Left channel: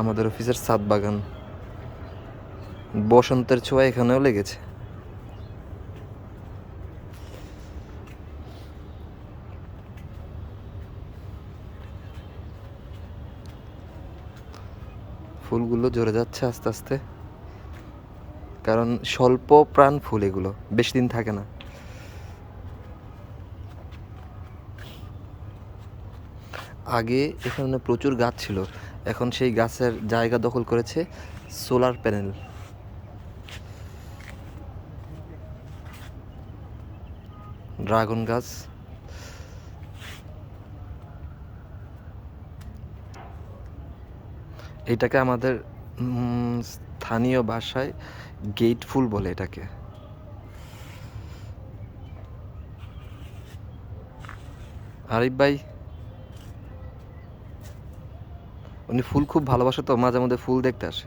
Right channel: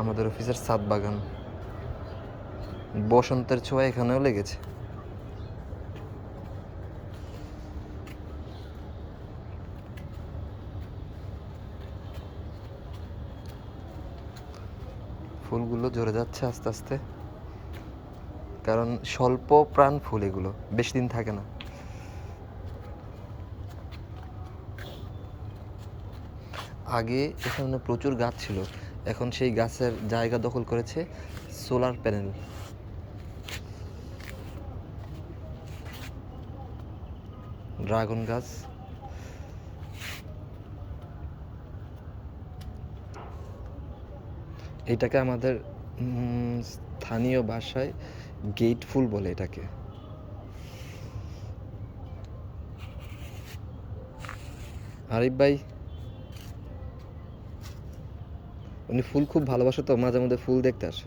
আমাদের অফিসের ছাদ বাগান, বসন্তের ছোঁয়া এখানেও লেগেছে। ফুলগুলো ঝরে যাচ্ছে আস্তে আস্তে, কারণ স্বল্প প্রাণ ফুল, এগুলো বেশি দিন থাকে না। আগে এখানে প্রচুর গাছ ছিল, এখন সেই গাছের জায়গা দখল করেছে সোলার প্যানেল। ড্রাগন গাছ, এটাকে আমাদের স্থানীয় ভাষায় গেট ফুল বলে এটাকে। আরিফ ভাই, উনি ফুল খুব ভালোবাসে, তো মাঝে মধ্যে ফুল দেখতে আসে।